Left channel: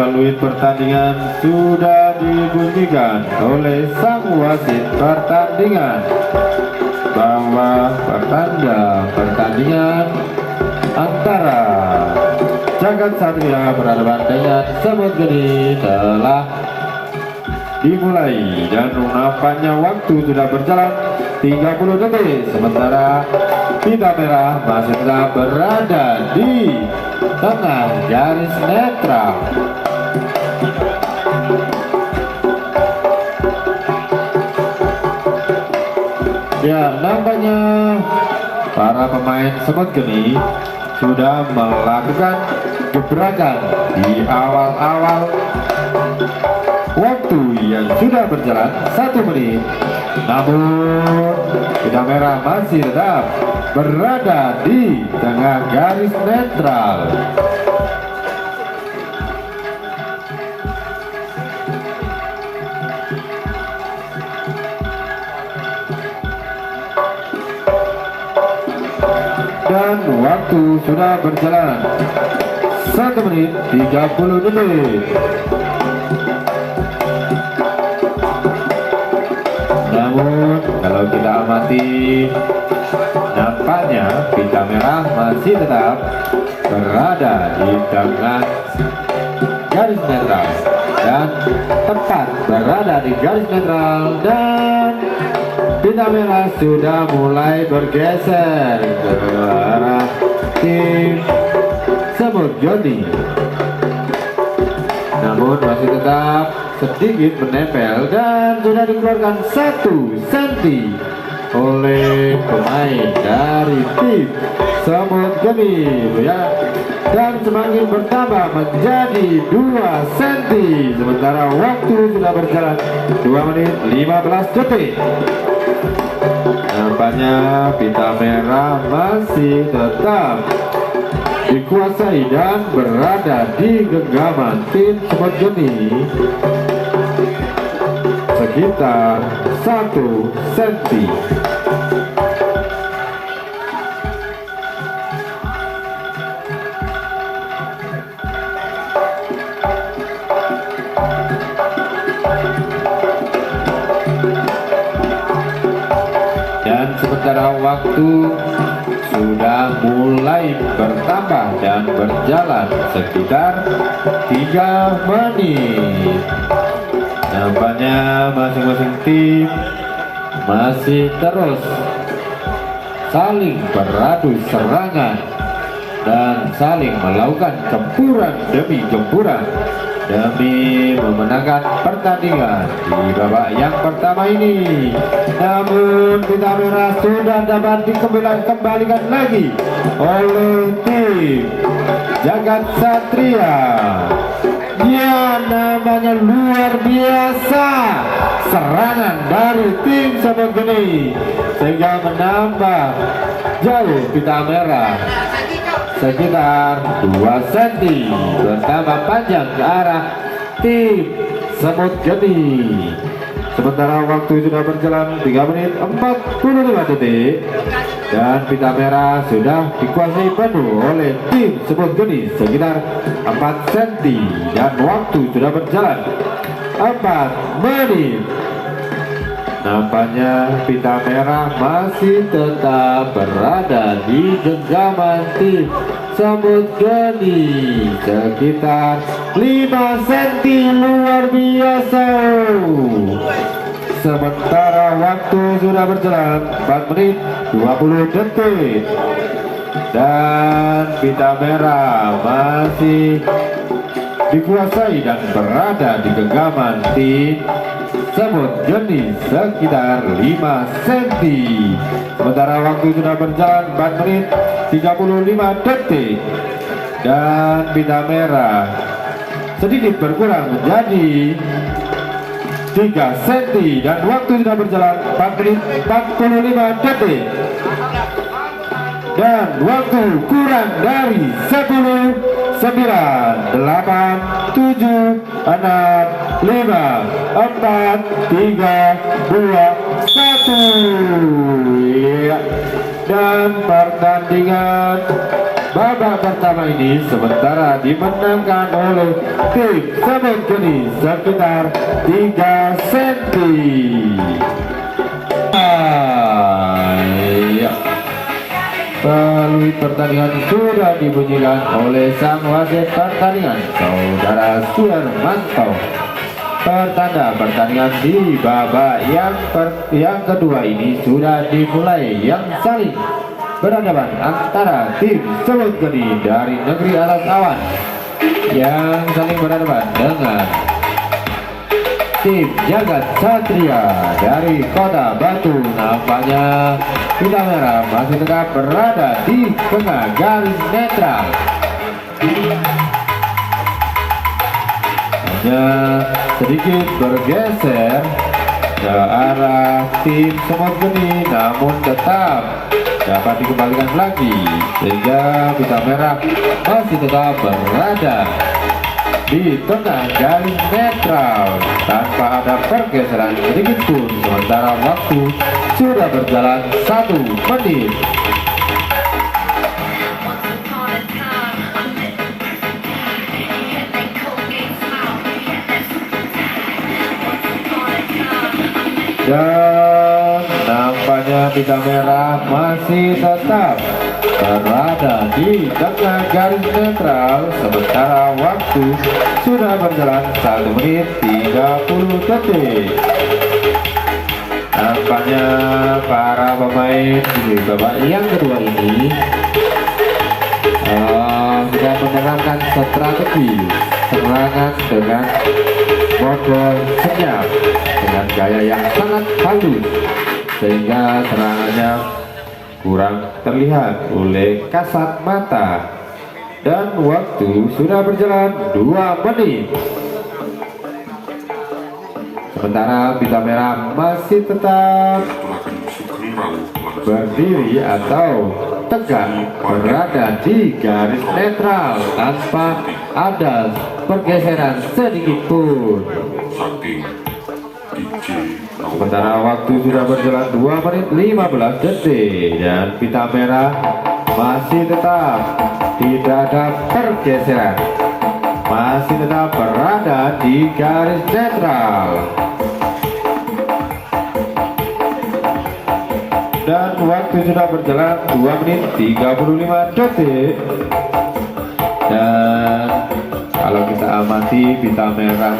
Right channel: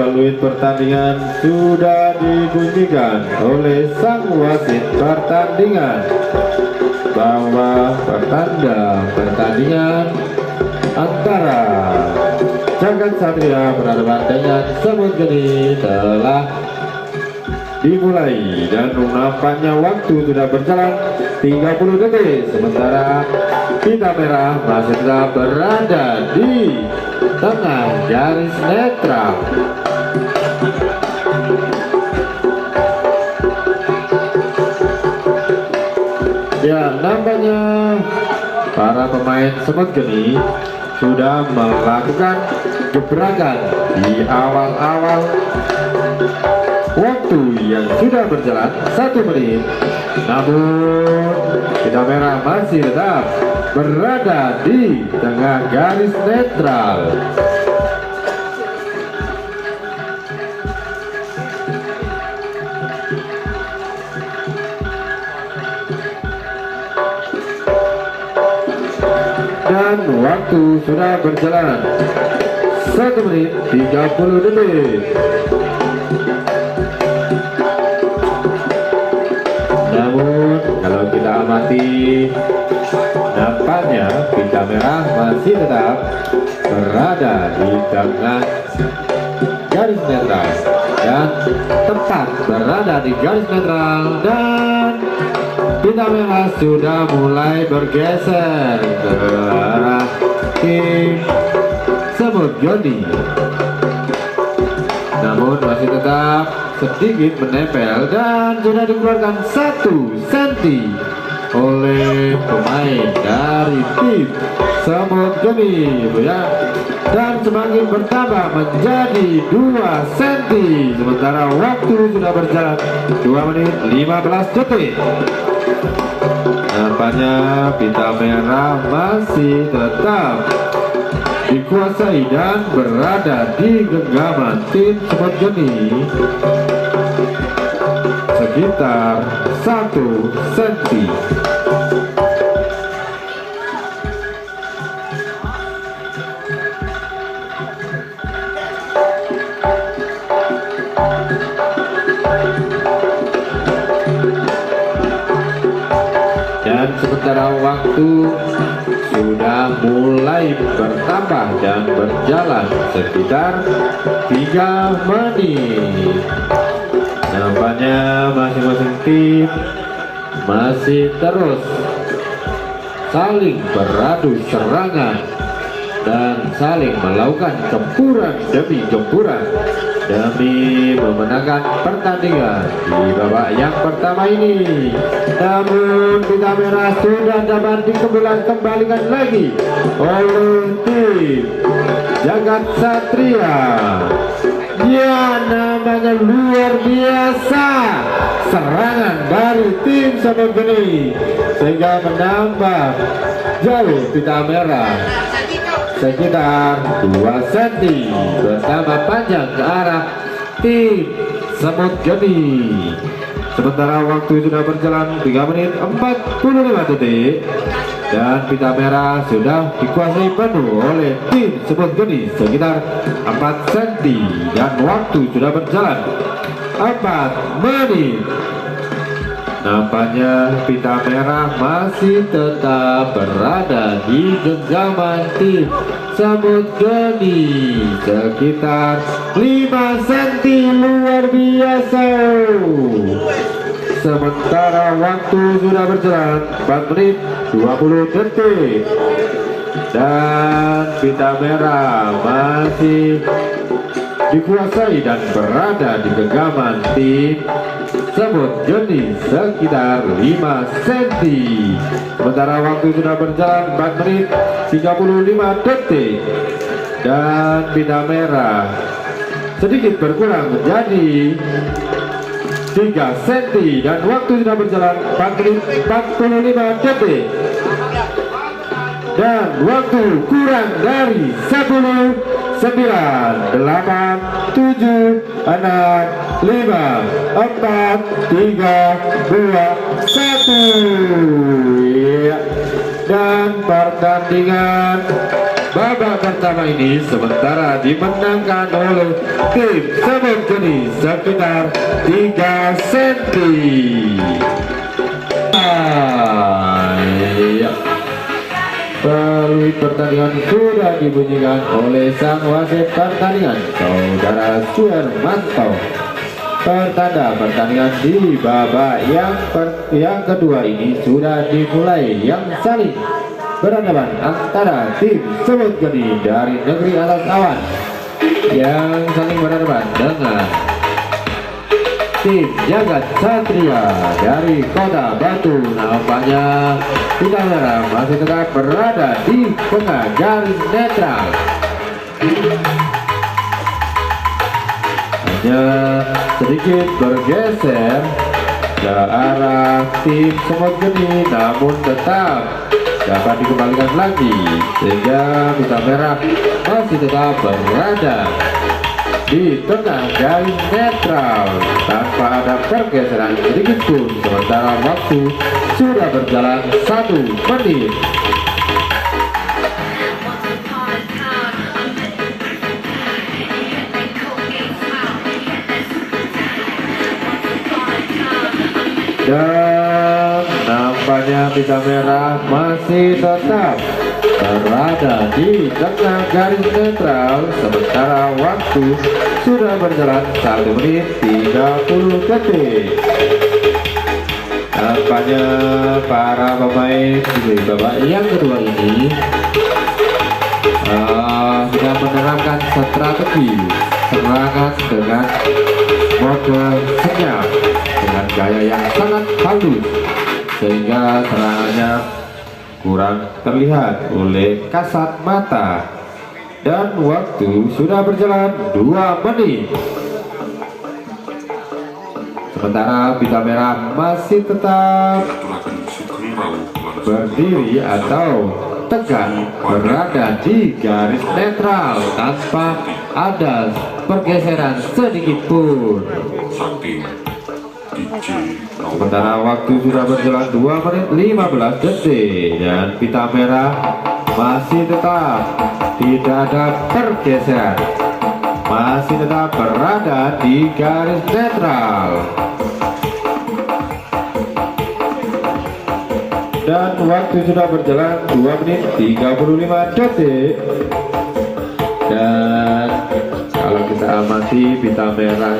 peluit pertandingan sudah dibunyikan oleh sang wasit pertandingan bahwa pertanda pertandingan antara Jagat Satria berhadapan dengan Semut Geni telah dimulai, dan nampaknya waktu sudah berjalan 30 detik, sementara Pita Merah masih tetap berada di tengah garis netral. Ya, nampaknya para pemain Semut Geni sudah melakukan gebrakan di awal-awal waktu yang sudah berjalan 1 menit, namun Pita Merah masih tetap berada di tengah garis netral. Dan waktu sudah berjalan 1 menit 30 detik. Namun kalau kita amati, nampaknya Pita Merah masih tetap berada di tengah garis netral dan tepat berada di garis netral, dan Pita Merah sudah mulai bergeser ke arah tim Semut Geni, namun masih tetap sedikit menempel dan sudah dikeluarkan 1 senti oleh pemain dari tim Semut Geni, ya, dan semakin bertambah menjadi 2 senti, sementara waktu sudah berjalan 2 menit 15 detik. Nampaknya Pita Merah masih tetap dikuasai dan berada di genggaman tim Semut Geni sekitar 1 senti. Dan sementara waktu sudah mulai bertambah dan berjalan sekitar 3 menit. Nampaknya masing-masing tim masih terus saling beradu serangan dan saling melakukan gempuran demi gempuran demi memenangkan pertandingan di babak yang pertama ini. Namun Pita Merah sudah dapat dikembalikan lagi oleh tim Jagat Satria. Ya, namanya luar biasa serangan dari tim Semut Geni sehingga menambah jauh Pita Merah sekitar 2 cm, bertambah panjang ke arah tim Semut Geni. Sementara waktu sudah berjalan 3 menit 45 detik dan Pita Merah sudah dikuasai penuh oleh tim Semut Geni sekitar 4 cm, dan waktu sudah berjalan 4 menit. Nampaknya Pita Merah masih tetap berada di genggaman tim Semut Geni sekitar 5 cm, luar biasa. Sementara waktu sudah berjalan 4 menit 20 detik dan Pita Merah masih dikuasai dan berada di genggaman tim Semut Geni sekitar 5 cm. Sementara waktu sudah berjalan 4 menit 35 detik dan Pita Merah sedikit berkurang menjadi 3 cm dan waktu sudah berjalan 4 menit 45 detik dan waktu kurang dari 10, 9, 8, 7, 6, 5, 4, 3, 2, 1. Ya. Dan pertandingan babak babak pertama ini sementara dimenangkan oleh tim Semut Geni sekitar 3 cm. Melalui pertandingan sudah dibunyikan oleh sang wasit pertandingan Saudara Suhermanto. Pertanda pertandingan di babak yang kedua ini sudah dimulai, yang saling berhadapan antara tim Semut Geni dari negeri atas awan yang saling berhadapan dengan tim Jagat Satria dari Kota Batu. Nampaknya Pita Merah masih tetap berada di tengah garis netral. Hanya sedikit bergeser ke arah tim Semut Geni, namun tetap dapat dikembalikan lagi sehingga Pita Merah masih tetap berada di tengah garis netral tanpa ada pergeseran sedikit pun. Sementara waktu sudah berjalan 1 menit. Dan nampaknya Pita Merah masih tetap berada di tengah garis netral sementara waktu sudah berjalan 1 menit 30 detik. Nampaknya para pemain di babak yang kedua ini sudah menerapkan strategi serangan dengan model senyap dengan gaya yang sangat halus sehingga serangannya kurang terlihat oleh kasat mata. Dan waktu sudah berjalan 2 menit. Sementara Pita Merah masih tetap berdiri atau tegak berada di garis netral tanpa ada pergeseran sedikit pun. Sementara waktu sudah berjalan 2 menit 15 detik dan Pita Merah masih tetap tidak ada pergeseran, masih tetap berada di garis netral. Dan waktu sudah berjalan 2 menit 35 detik. Dan kalau kita amati Pita Merah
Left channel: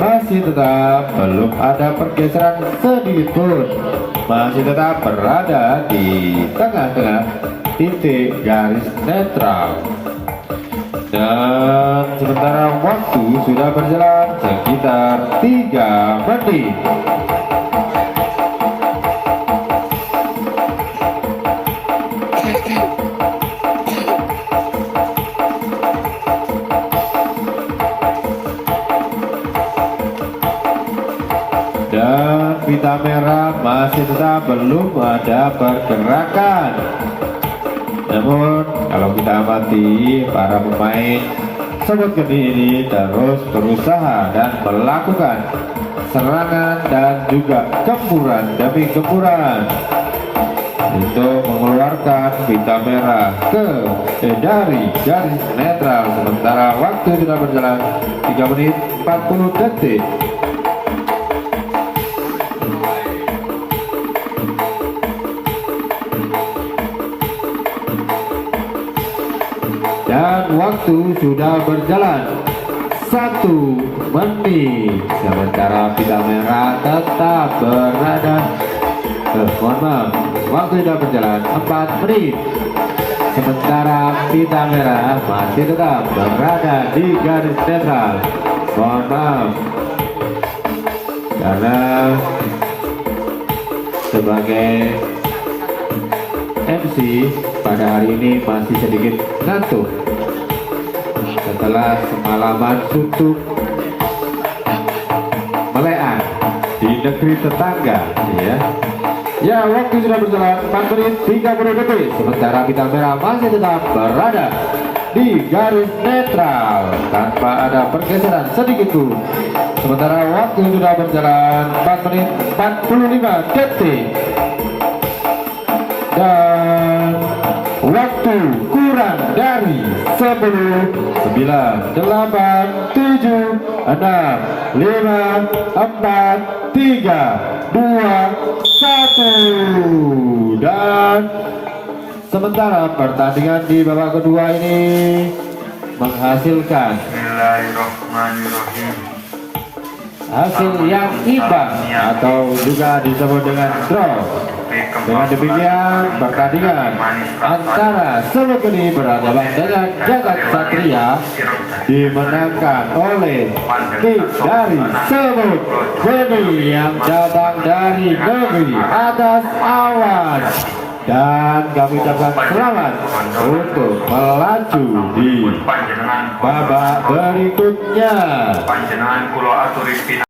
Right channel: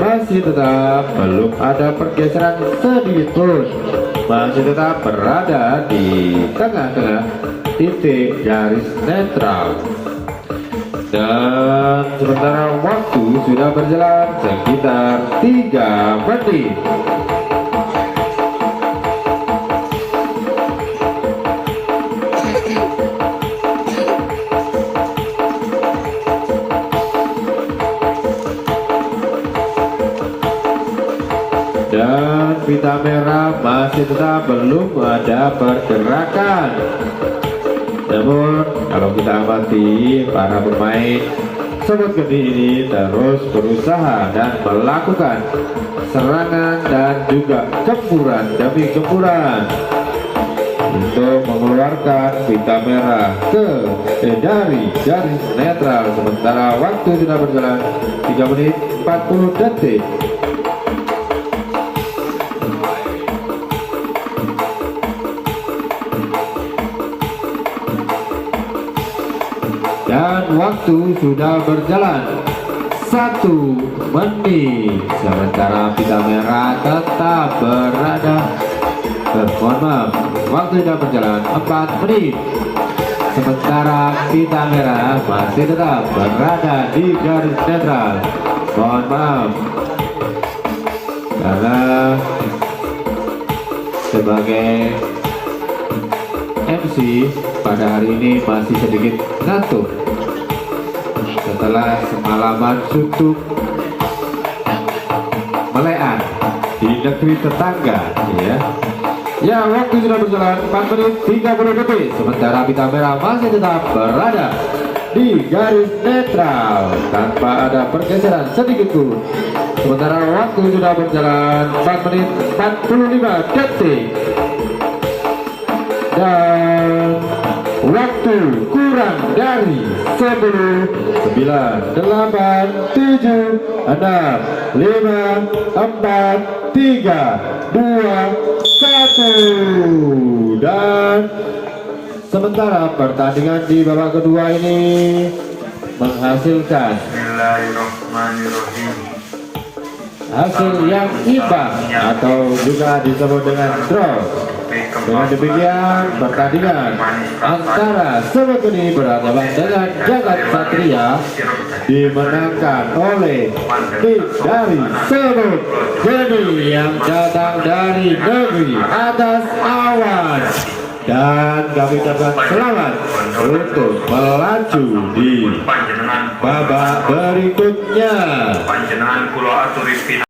masih tetap belum ada pergeseran sedikit pun, masih tetap berada di tengah-tengah titik garis netral. Dan sementara waktu sudah berjalan sekitar 3 menit. Dan Pita Merah masih tetap belum ada pergerakan. Namun kalau kita amati para pemain Semut Geni ini terus berusaha dan melakukan serangan dan juga gempuran demi gempuran untuk mengeluarkan Pita Merah dari garis netral. Sementara waktu sudah berjalan 3 menit 40 detik. Dan waktu sudah berjalan 1 menit. Sementara Pita Merah tetap berada mohon maaf, waktu sudah berjalan 4 menit. Sementara Pita Merah masih tetap berada di garis netral. Mohon maaf karena sebagai MC pada hari ini masih sedikit ngantuk setelah semalaman suntuk melean di negeri tetangga ya. Waktu sudah berjalan 4 menit 30 detik. Sementara Pita Merah masih tetap berada di garis netral tanpa ada pergeseran sedikit pun. Sementara waktu sudah berjalan 4 menit 45 detik. Dan waktu kurang dari 10, 9, 8, 7, 6, 5, 4, 3, 2, 1. Dan sementara pertandingan di babak kedua ini menghasilkan hasil yang imbang atau juga disebut dengan draw. Dengan demikian pertandingan antara Semut Geni berhadapan dengan Jagat Satria dimenangkan oleh tim dari Semut Geni yang datang dari negeri atas awan. Dan kami ucapkan selamat untuk melaju di babak berikutnya.